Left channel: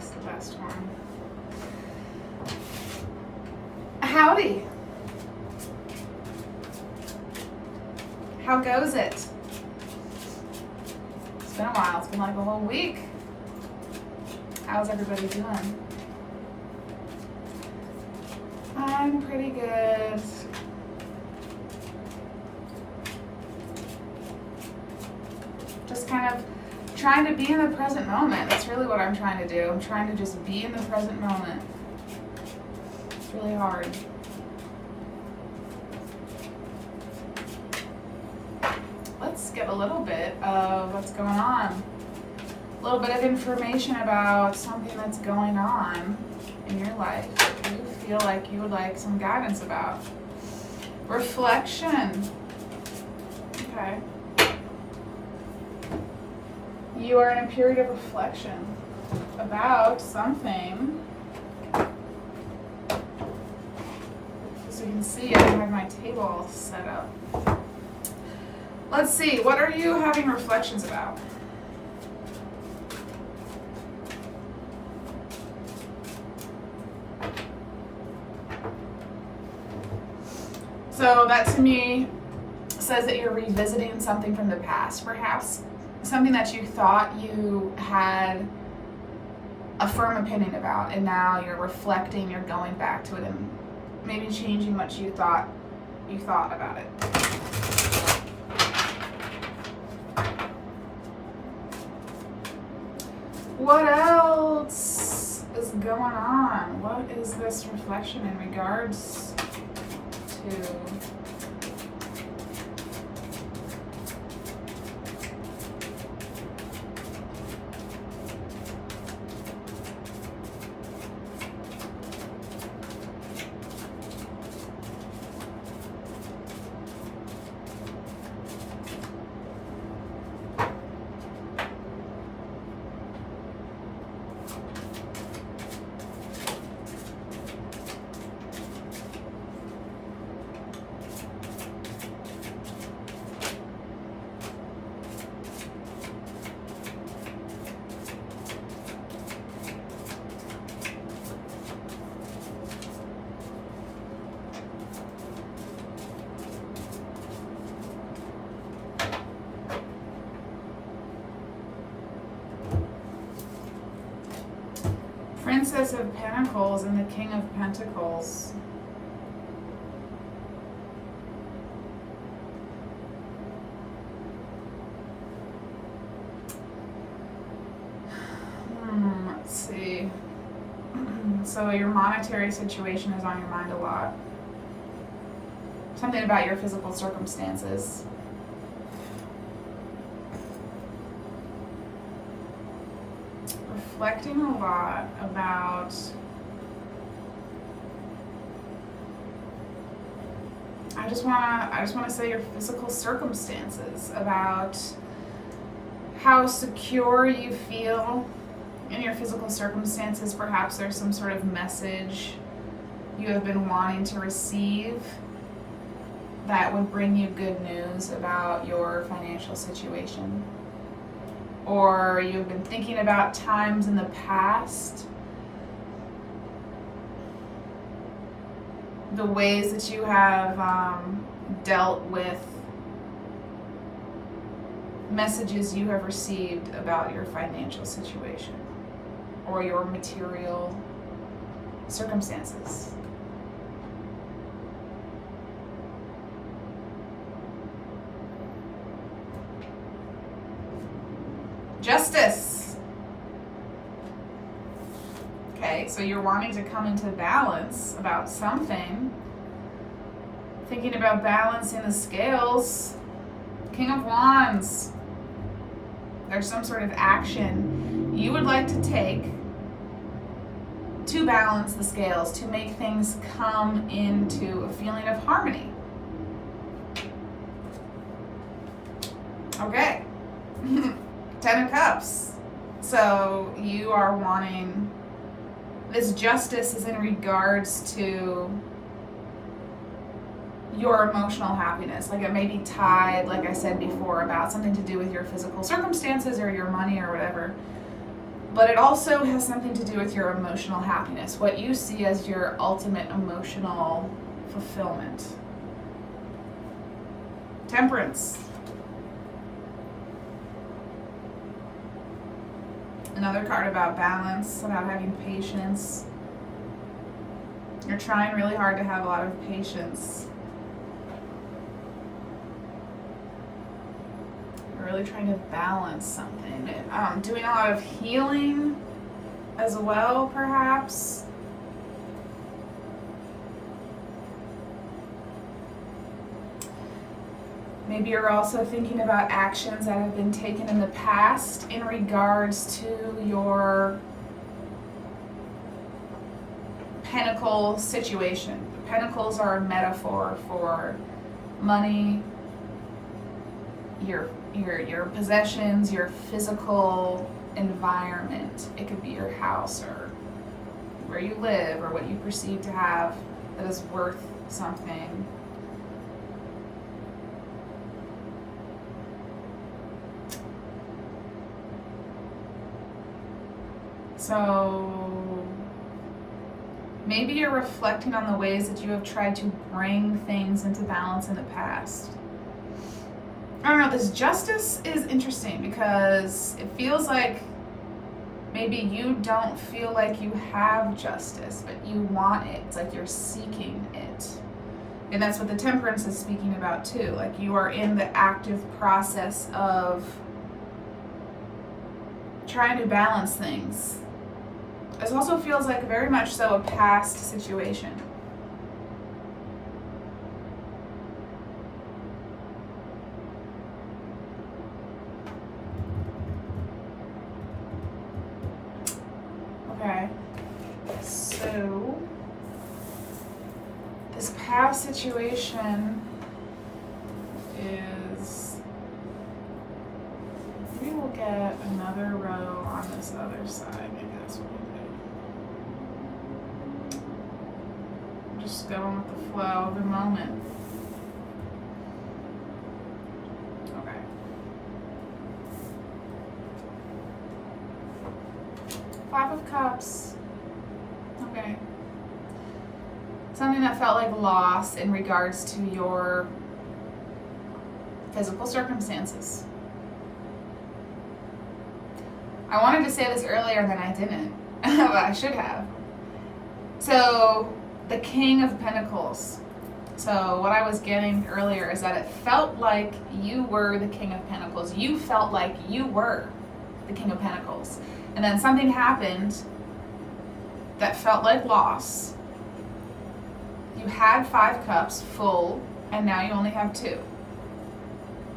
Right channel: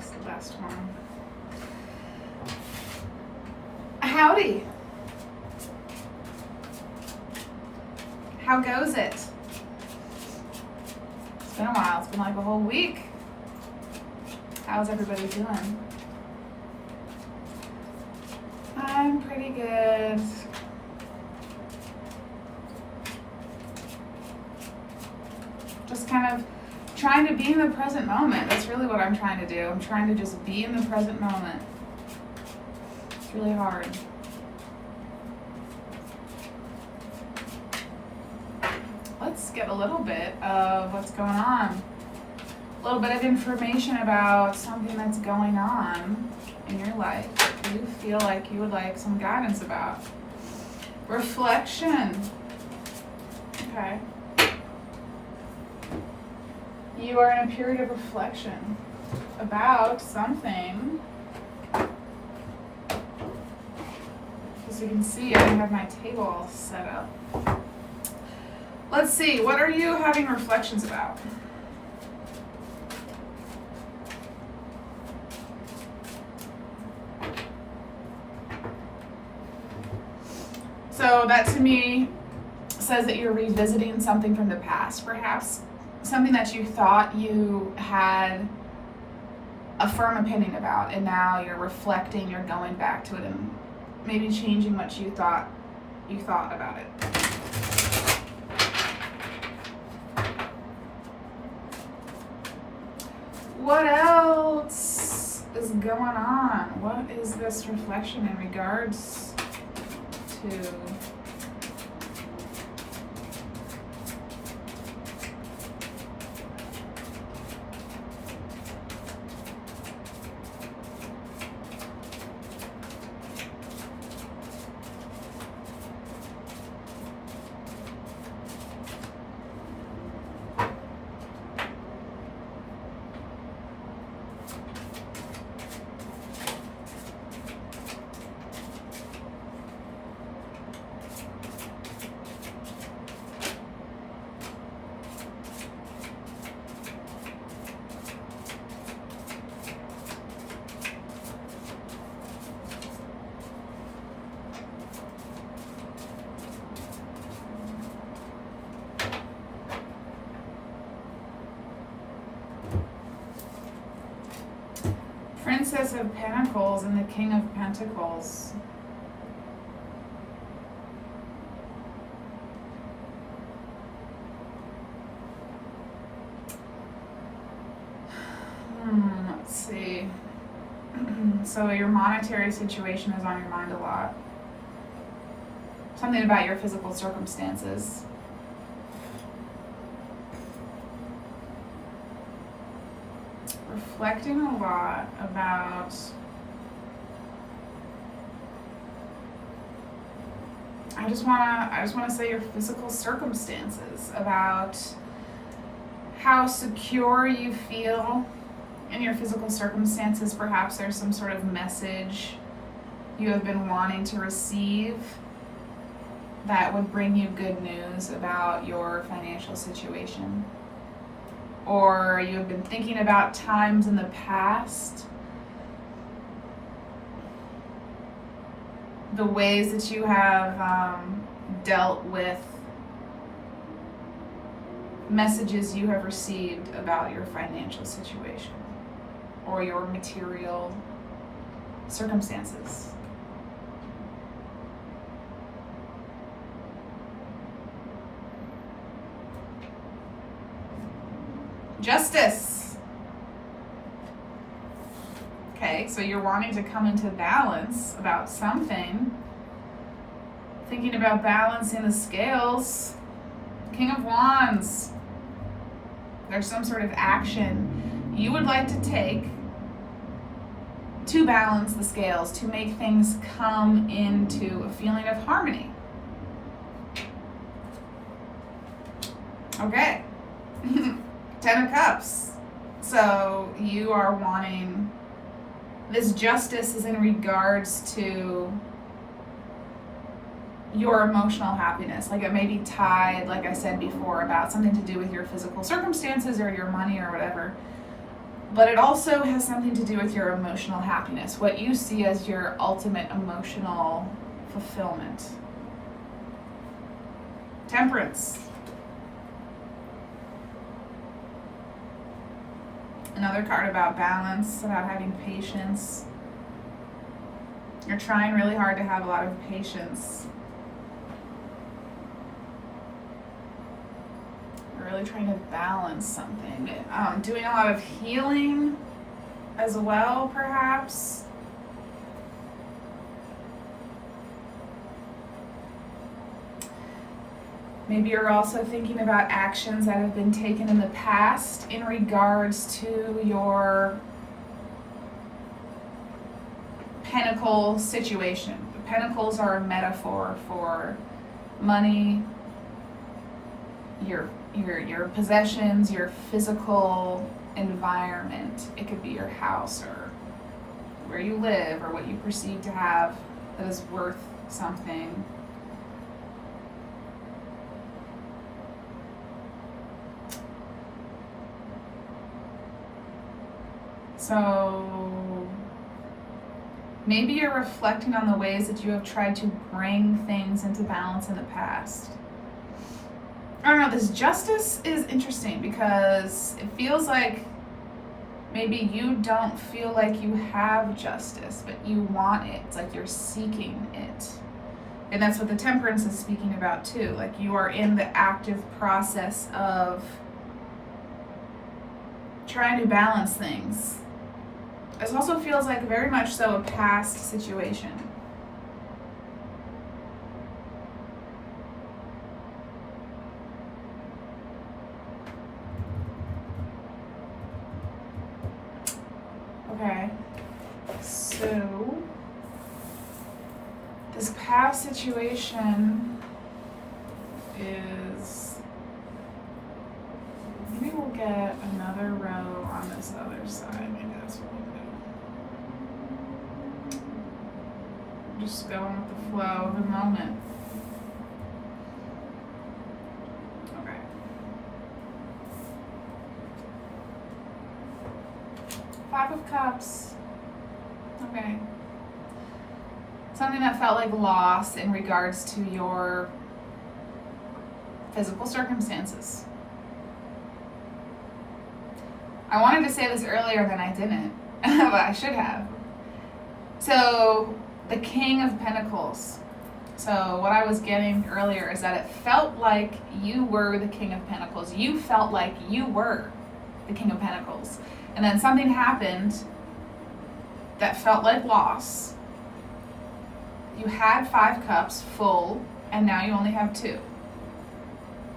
That's the best one. Howdy. How goes it? It's been a while. It's been like a whole week. How's everybody doing? I'm pretty good. Just kind of trying to be in the present moment. That's really what I'm trying to do. I'm trying to just be in the present moment. It's really hard. Let's get a little bit of what's going on. A little bit of information about something that's going on in your life that you feel like you would like some guidance about. Reflection. Okay. You are in a period of reflection about something. As you can see, I have my table set up. Let's see, what are you having reflections about? So that to me says that you're revisiting something from the past, perhaps. Something that you thought you had a firm opinion about, and now you're reflecting, you're going back to it and maybe changing what you thought about it. What else is going on? What is this reflection in regards to? Princess of Pentacles and the King of Pentacles. Let's see. So your monetary situation is on your mind a lot. Something about your physical circumstances. Reflecting a lot about I just want to say your physical circumstances, about how secure you feel in your physical circumstances. Perhaps there's some sort of message you have been wanting to receive that would bring you good news about your financial situation. Or you've been thinking about times in the past, the ways that you have dealt with messages you have received about your financial situation or your material circumstances. Justice. Okay, so you're wanting to come into balance about something. Thinking about balancing the scales. King of Wands. There's some sort of action you would like to take to balance the scales, to make things come into a feeling of harmony. Okay. 10 of Cups. So you are wanting, this justice is in regards to your emotional happiness. Like it may be tied, like I said before, about something to do with your physical circumstances or your money or whatever. But it also has something to do with your emotional happiness, what you see as your ultimate emotional fulfillment. Temperance. Another card about balance, about having patience. You're trying really hard to have a lot of patience. You're really trying to balance something. Doing a lot of healing as well, perhaps. Maybe you're also thinking about actions that have been taken in the past in regards to your pentacle situation. The pentacles are a metaphor for money, your possessions, your physical environment. It could be your house or where you live or what you perceive to have that is worth something. So maybe you're reflecting on the ways that you have tried to bring things into balance in the past. I don't know, this justice is interesting because it feels like maybe you don't feel like you have justice, but you want it. It's like you're seeking it. And that's what the temperance is speaking about too. Like you are in the active process of trying to balance things. This also feels like very much so a past situation. Okay, so this past situation is, maybe we'll get another row on this other side. Maybe that's what we'll do. Just going with the flow of the moment. Okay. Five of Cups. Okay. Something that felt like loss in regards to your physical circumstances. I wanted to say this earlier and then I didn't, but I should have. So, the King of Pentacles. So, what I was getting earlier is that it felt like you were the King of Pentacles. You felt like you were the King of Pentacles. And then something happened that felt like loss. You had 5 cups full, and now you only have 2.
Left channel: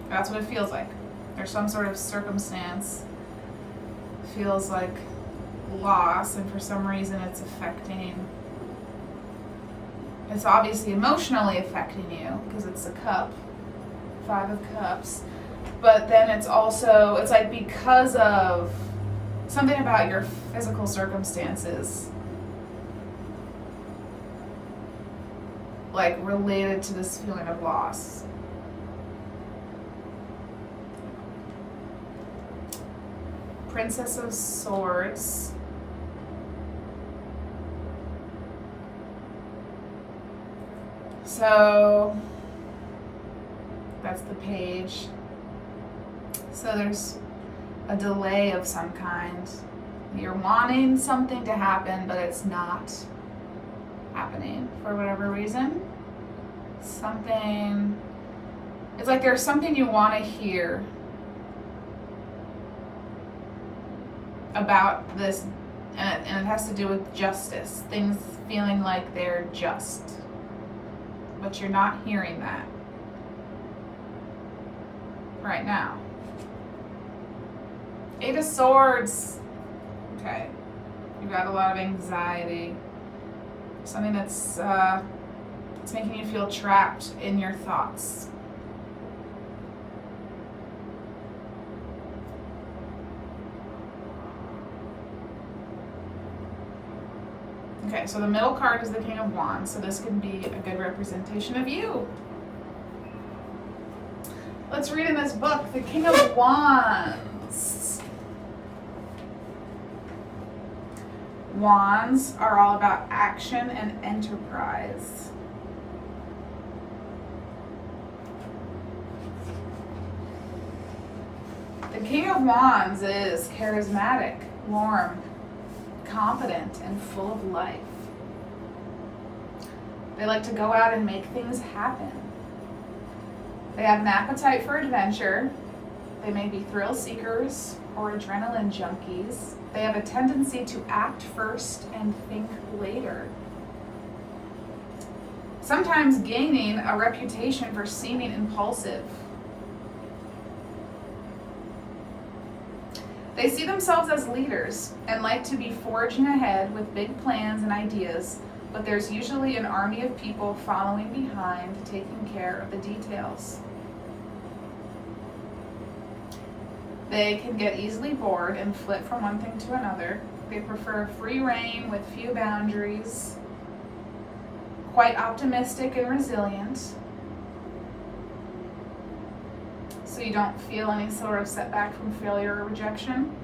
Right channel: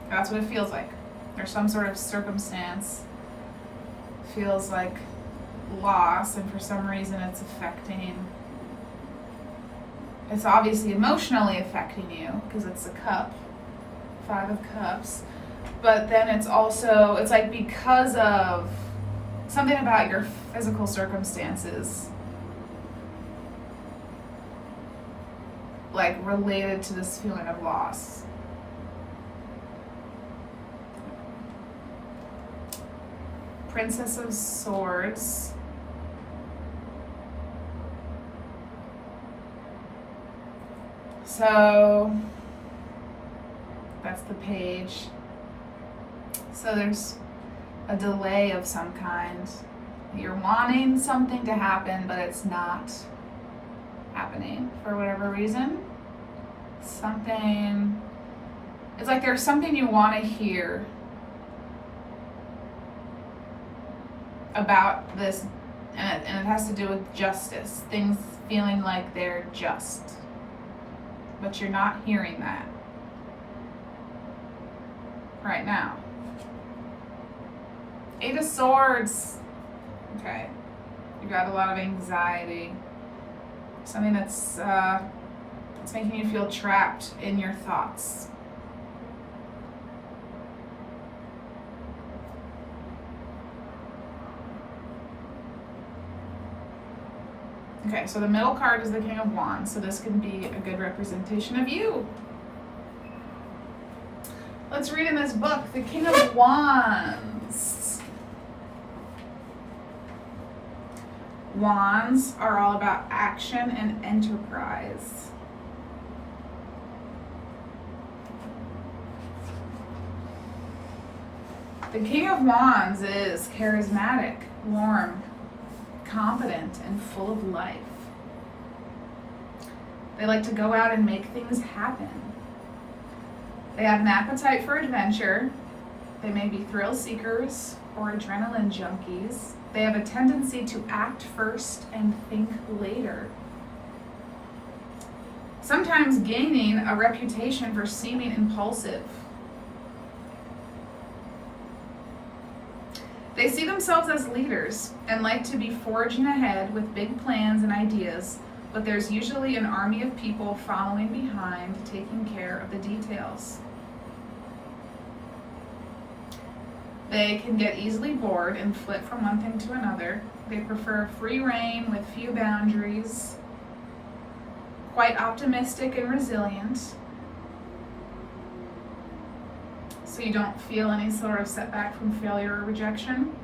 That's what it feels like. There's some sort of circumstance. Feels like loss, and for some reason it's affecting. It's obviously emotionally affecting you because it's a cup, 5 of Cups. But then it's also, it's like because of something about your physical circumstances, like related to this feeling of loss. Princess of Swords. So that's the page. So there's a delay of some kind. You're wanting something to happen, but it's not happening for whatever reason. Something, it's like there's something you want to hear about this, and it has to do with justice. Things feeling like they're just, but you're not hearing that right now. 8 of Swords. Okay, you've got a lot of anxiety. Something that's it's making you feel trapped in your thoughts. Okay, so the middle card is the King of Wands, so this can be a good representation of you. Let's read in this book, the King of Wands. Wands are all about action and enterprise. The King of Wands is charismatic, warm, confident, and full of life. They like to go out and make things happen. They have an appetite for adventure. They may be thrill seekers or adrenaline junkies. They have a tendency to act first and think later, sometimes gaining a reputation for seeming impulsive. They see themselves as leaders and like to be forging ahead with big plans and ideas, but there's usually an army of people following behind, taking care of the details. They can get easily bored and flip from one thing to another. They prefer free reign with few boundaries, quite optimistic and resilient, so you don't feel any sort of setback from failure or rejection.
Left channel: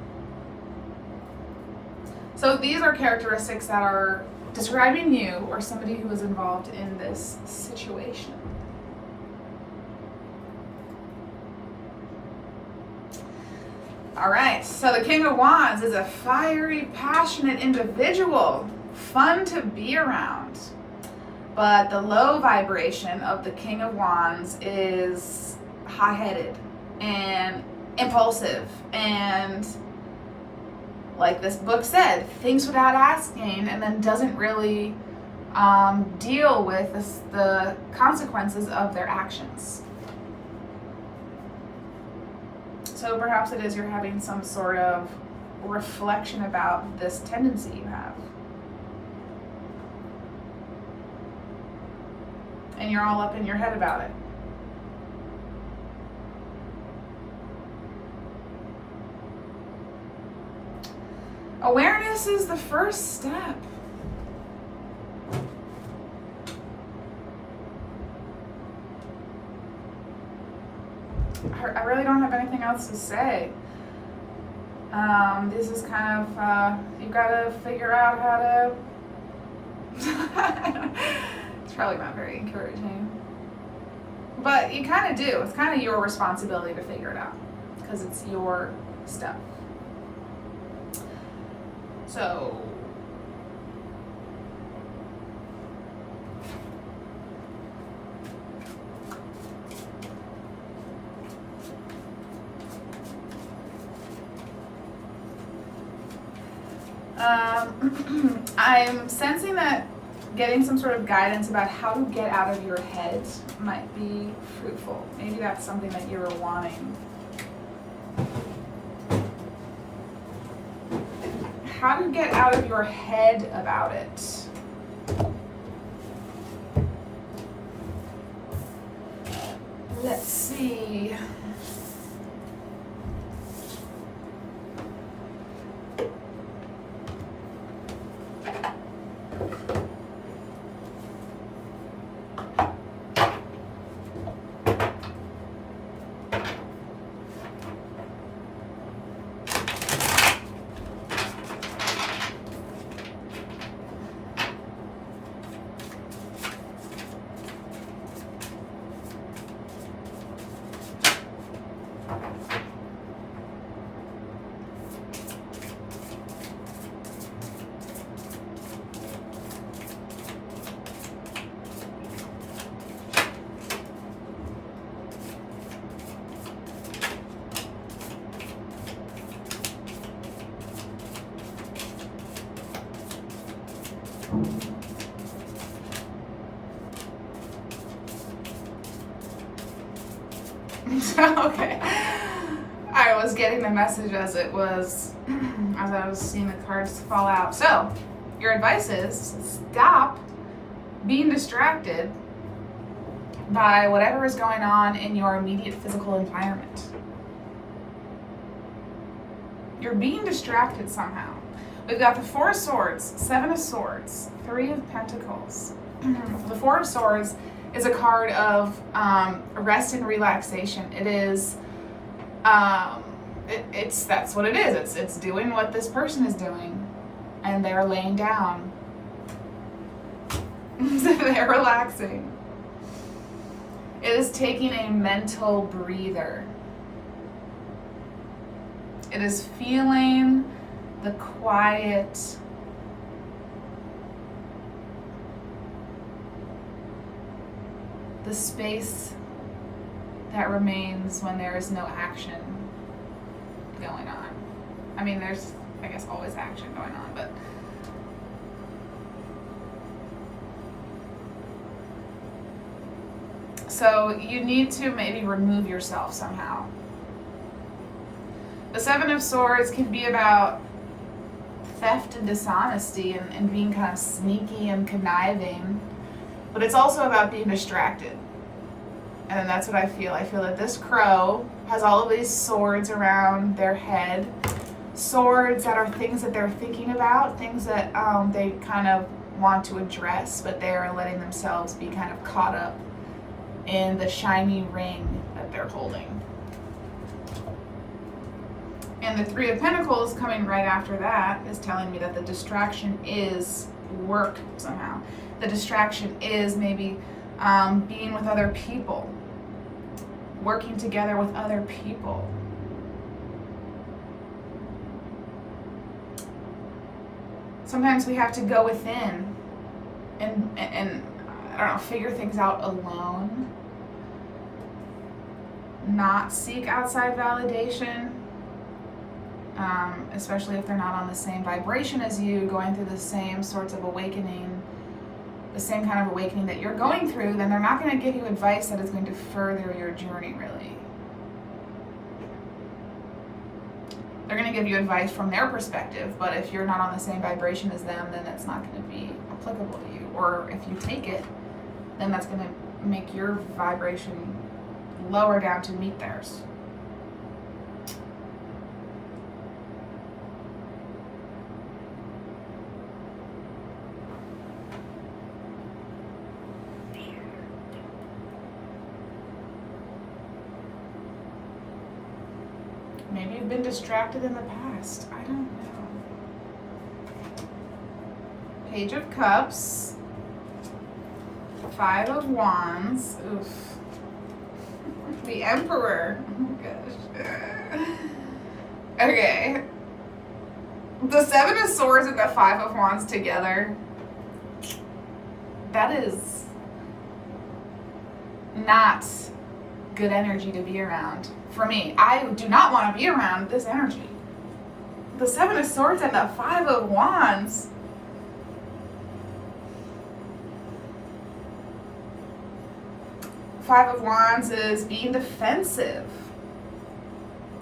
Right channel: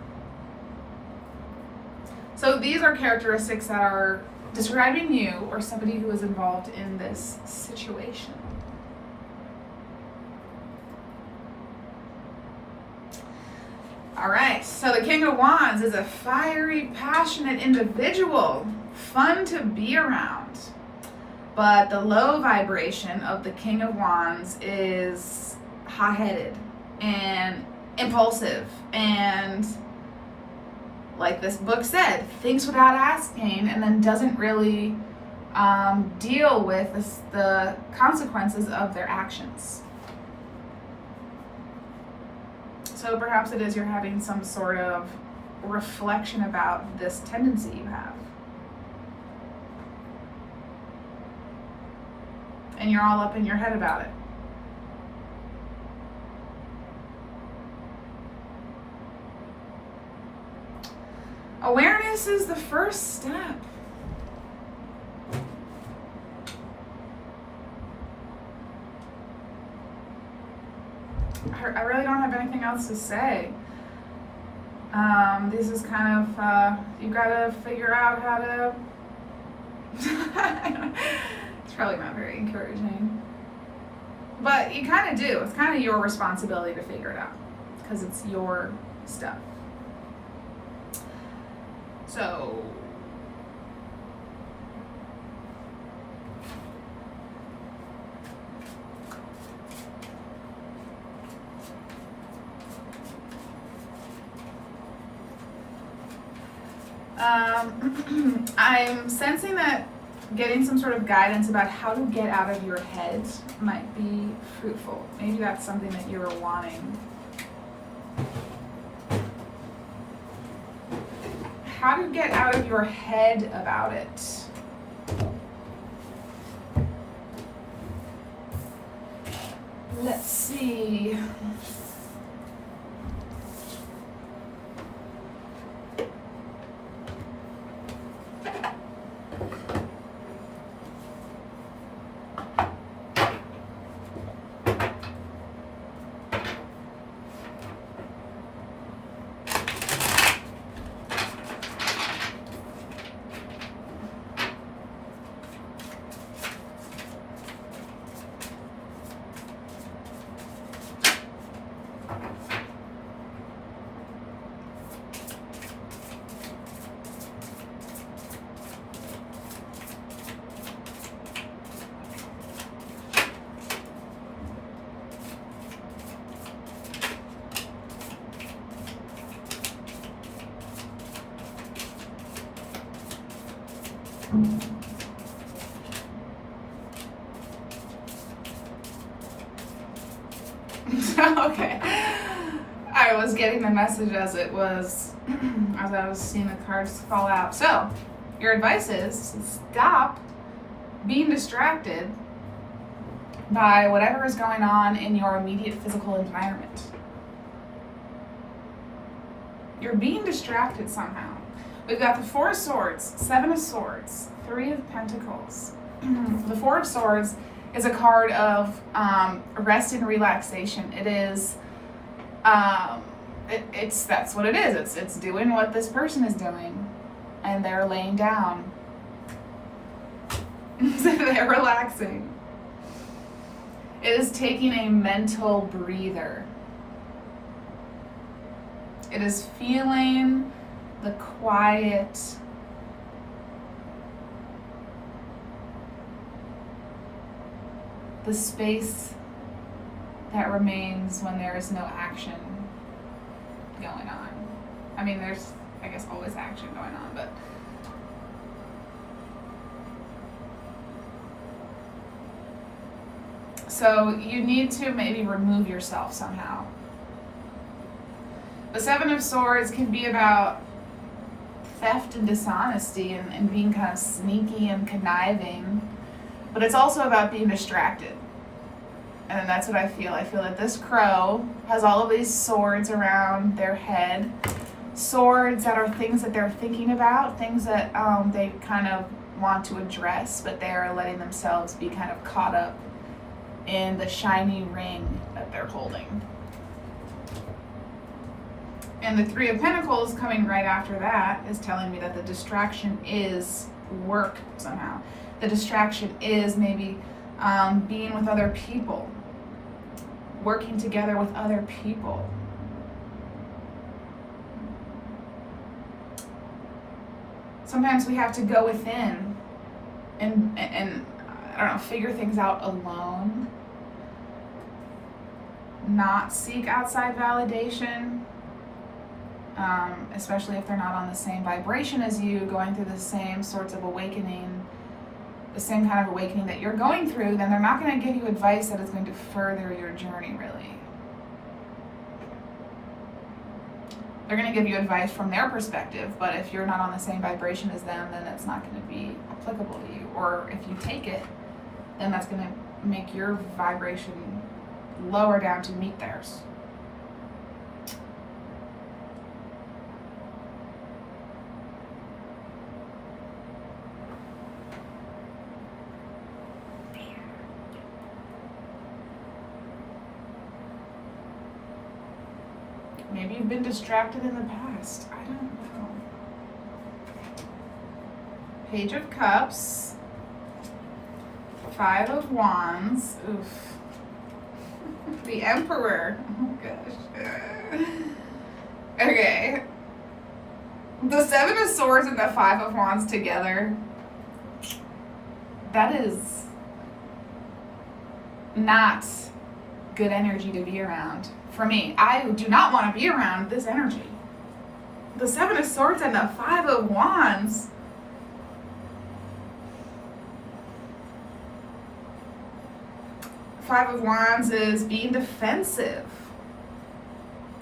So these are characteristics that are describing you or somebody who is involved in this situation. All right, so the King of Wands is a fiery, passionate individual, fun to be around. But the low vibration of the King of Wands is hot-headed and impulsive and, like this book said, thinks without asking and then doesn't really deal with the consequences of their actions. So perhaps it is you're having some sort of reflection about this tendency you have. And you're all up in your head about it. Awareness is the first step. I really don't have anything else to say. This is kind of, you gotta figure out how to, it's probably not very encouraging. But you kind of do. It's kind of your responsibility to figure it out because it's your stuff. So, I'm sensing that getting some sort of guidance about how to get out of your head might be fruitful. Maybe that's something that you're wanting. How to get out of your head about it. Let's see. Okay. I was getting the message as it was, as I was seeing the cards fall out. So, your advice is stop being distracted by whatever is going on in your immediate physical environment. You're being distracted somehow. We've got the Four of Swords, Seven of Swords, Three of Pentacles. The Four of Swords is a card of rest and relaxation. It is, that's what it is. It's doing what this person is doing, and they're laying down. They're relaxing. It is taking a mental breather. It is feeling the quiet, the space that remains when there is no action going on. I mean, there's, I guess, always action going on, but so you need to maybe remove yourself somehow. The Seven of Swords can be about theft and dishonesty and being kind of sneaky and conniving, but it's also about being distracted. And that's what I feel. I feel that this crow has all of these swords around their head. Swords that are things that they're thinking about, things that they kind of want to address, but they're letting themselves be kind of caught up in the shiny ring that they're holding. And the Three of Pentacles coming right after that is telling me that the distraction is work somehow. The distraction is maybe being with other people, working together with other people. Sometimes we have to go within and I don't know, figure things out alone. Not seek outside validation, especially if they're not on the same vibration as you, going through the same sorts of awakening, the same kind of awakening that you're going through, then they're not going to give you advice that is going to further your journey, really. They're going to give you advice from their perspective, but if you're not on the same vibration as them, then it's not going to be applicable to you. Or if you take it, then that's going to make your vibration lower down to meet theirs. Maybe you've been distracted in the past. I don't know. Page of Cups. Five of Wands. Oof. The Emperor. Oh gosh. Okay. The Seven of Swords and the Five of Wands together. That is not good energy to be around. For me, I do not want to be around this energy. The Seven of Swords and the Five of Wands. Five of Wands is being defensive,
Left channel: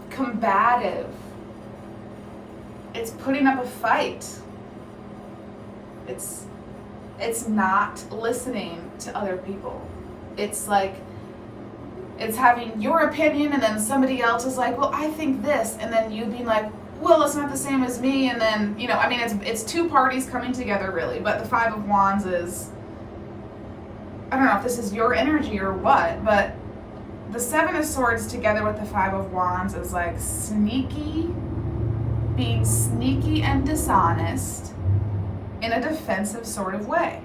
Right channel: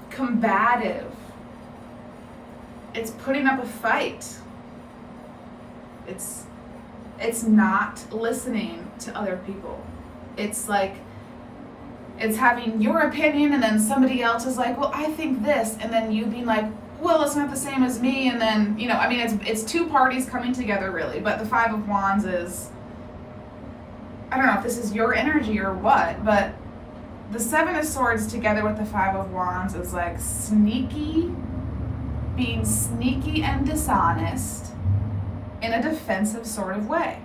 combative. It's putting up a fight. It's not listening to other people. It's like, it's having your opinion and then somebody else is like, well, I think this. And then you being like, well, it's not the same as me. And then, you know, I mean, it's two parties coming together really. But the Five of Wands is, I don't know if this is your energy or what, but the Seven of Swords together with the Five of Wands is like sneaky, being sneaky and dishonest in a defensive sort of way.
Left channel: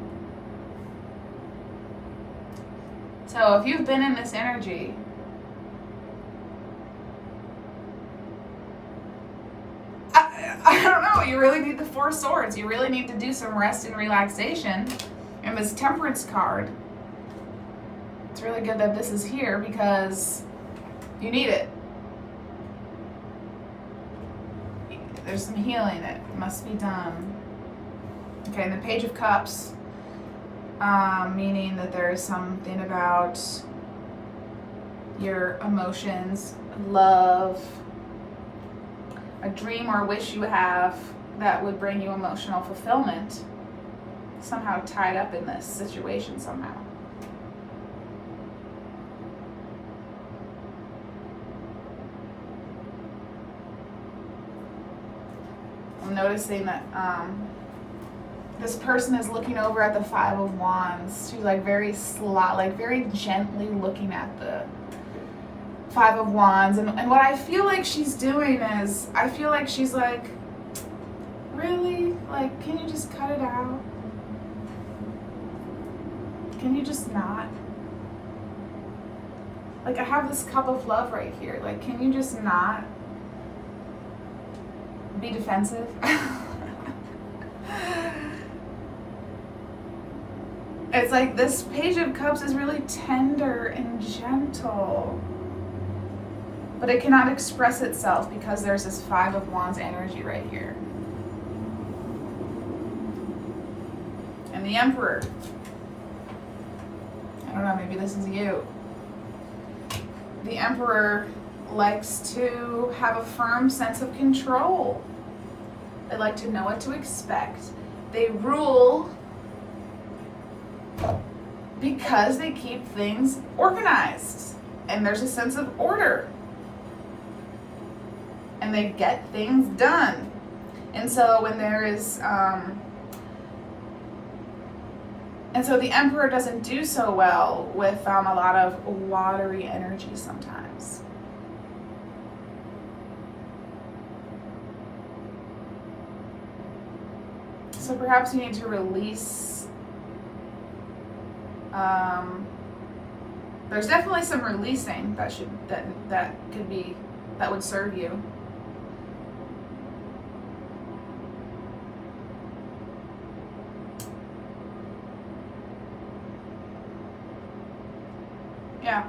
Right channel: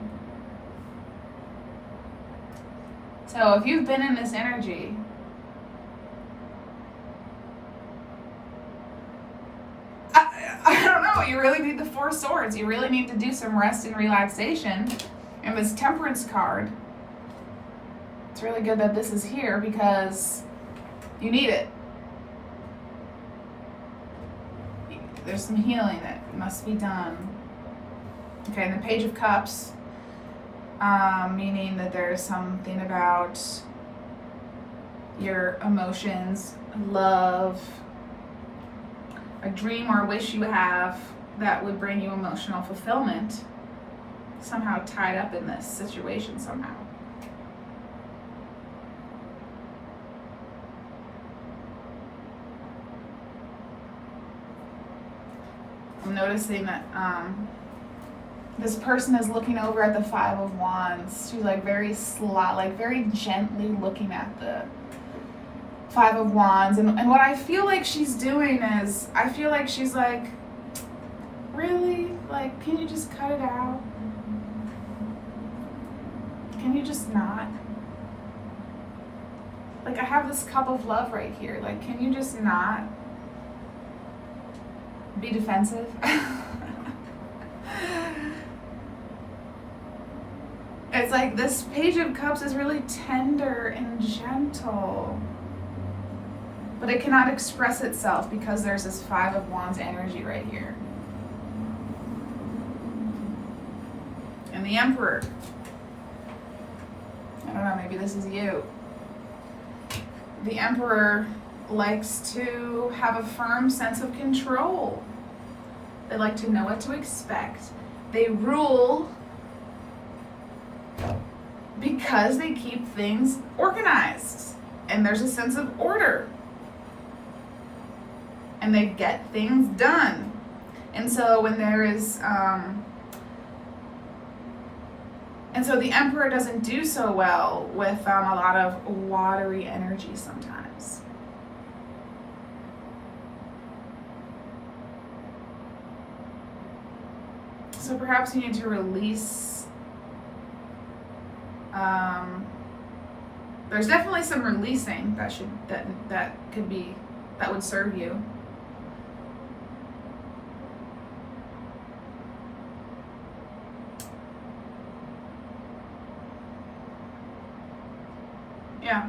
So if you've been in this energy, I don't know, you really need the Four of Swords. You really need to do some rest and relaxation. And this Temperance card, it's really good that this is here because you need it. There's some healing that must be done. Okay, and the Page of Cups, meaning that there is something about your emotions, love, a dream or a wish you have that would bring you emotional fulfillment, somehow tied up in this situation somehow. I'm noticing that this person is looking over at the Five of Wands. She's like very very gently looking at the Five of Wands. And what I feel like she's doing is, I feel like she's like Really? Like, can you just cut it out? Can you just not? Like, I have this cup of love right here. Like, can you just not be defensive? It's like this Page of Cups is really tender and gentle, but it cannot express itself because there's this Five of Wands energy right here. And the Emperor. I don't know, maybe this is you. The Emperor likes to have a firm sense of control. They like to know what to expect. They rule because they keep things organized. And there's a sense of order. And they get things done. And so when there is, and so the Emperor doesn't do so well with a lot of watery energy sometimes. So perhaps you need to release, there's definitely some releasing that would serve you. Yeah.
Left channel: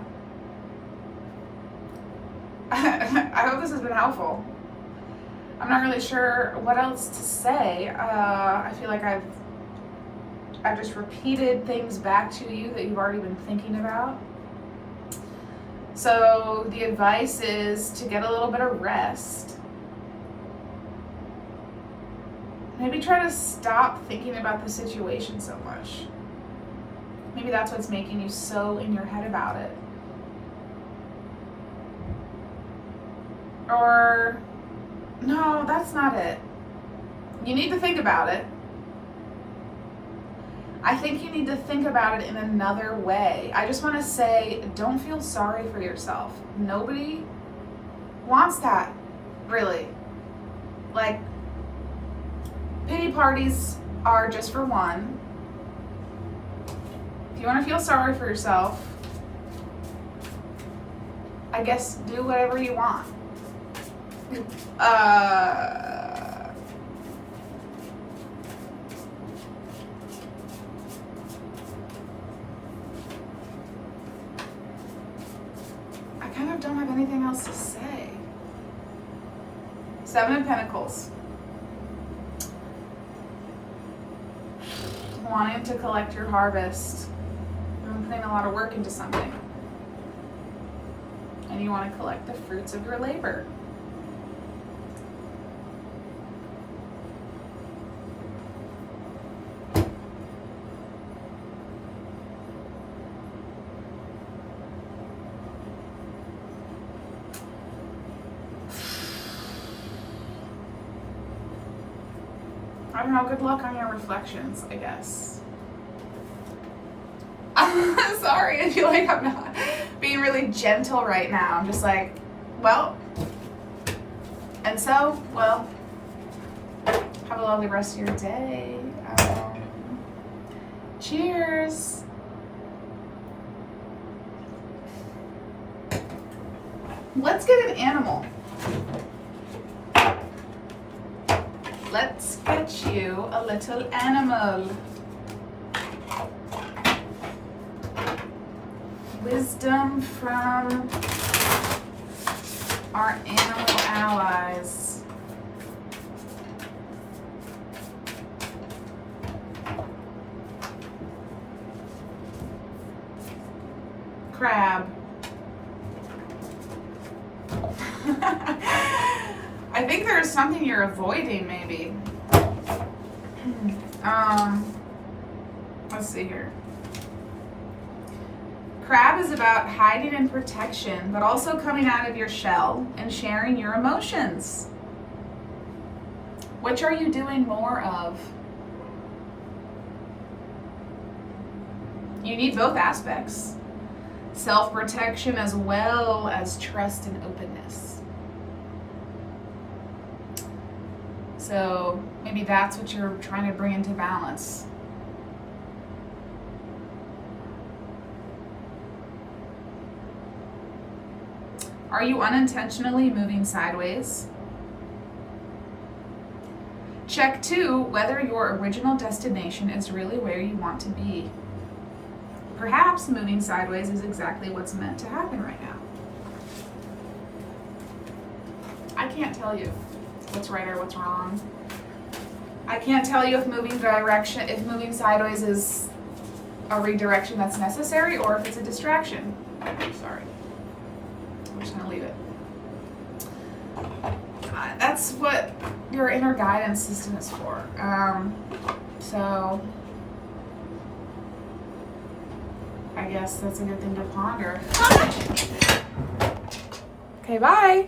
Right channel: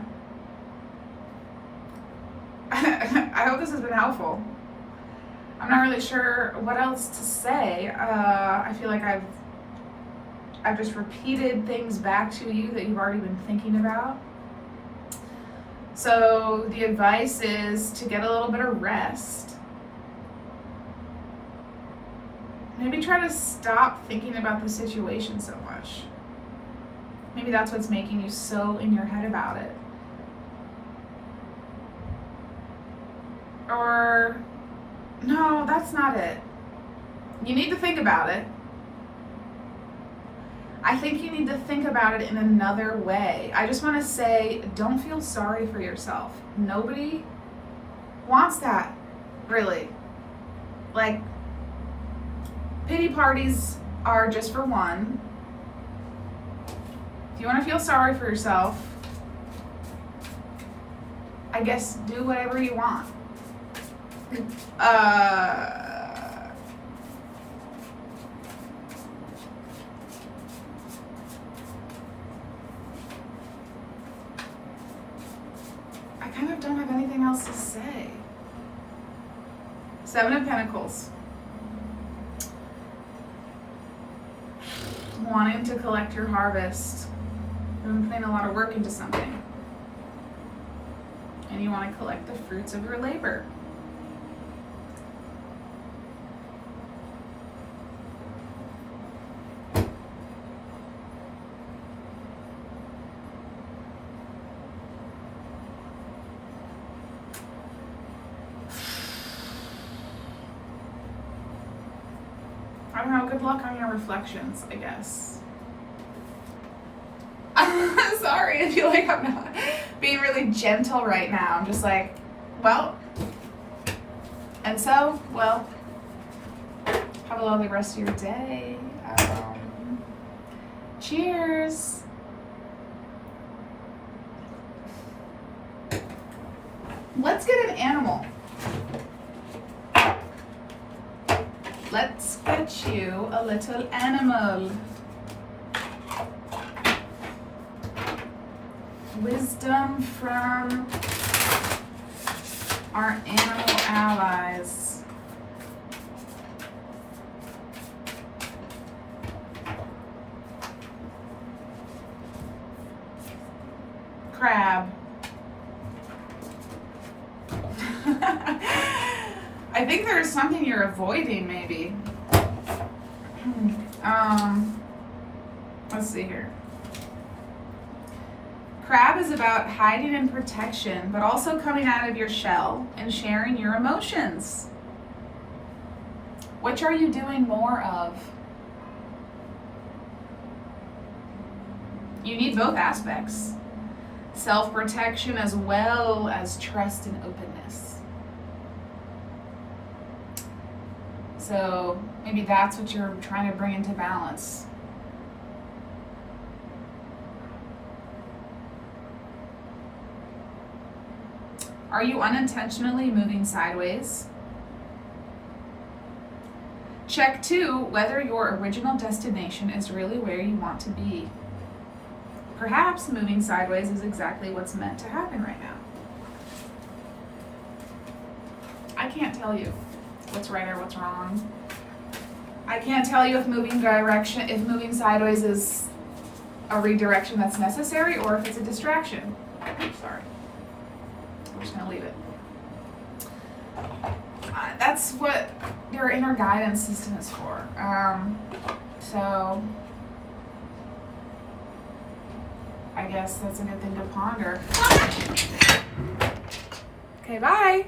I hope this has been helpful. I'm not really sure what else to say. I feel like I've just repeated things back to you that you've already been thinking about. So the advice is to get a little bit of rest. Maybe try to stop thinking about the situation so much. Maybe that's what's making you so in your head about it. Or, no, that's not it. You need to think about it. I think you need to think about it in another way. I just want to say, don't feel sorry for yourself. Nobody wants that, really. Like, pity parties are just for one. If you want to feel sorry for yourself, I guess do whatever you want. I kind of don't have anything else to say. Seven of Pentacles. Wanting to collect your harvest. You've been putting a lot of work into something. And you want to collect the fruits of your labor. I don't know, good luck on your reflections, I guess. Sorry, I feel like I'm not being really gentle right now. I'm just like, well, and so, well, have a lovely rest of your day. Cheers. Let's get an animal. Let's get you a little animal. Wisdom from our animal allies. Crab. I think there's something you're avoiding, maybe. Let's see here. Crab is about hiding and protection, but also coming out of your shell and sharing your emotions. Which are you doing more of? You need both aspects. Self-protection as well as trust and openness. So maybe that's what you're trying to bring into balance. Are you unintentionally moving sideways? Check 2, whether your original destination is really where you want to be. Perhaps moving sideways is exactly what's meant to happen right now. I can't tell you what's right or what's wrong. I can't tell you if moving sideways is a redirection that's necessary or if it's a distraction. Sorry. I'm just gonna leave it. That's what your inner guidance system is for. So I guess that's a good thing to ponder. Okay, bye.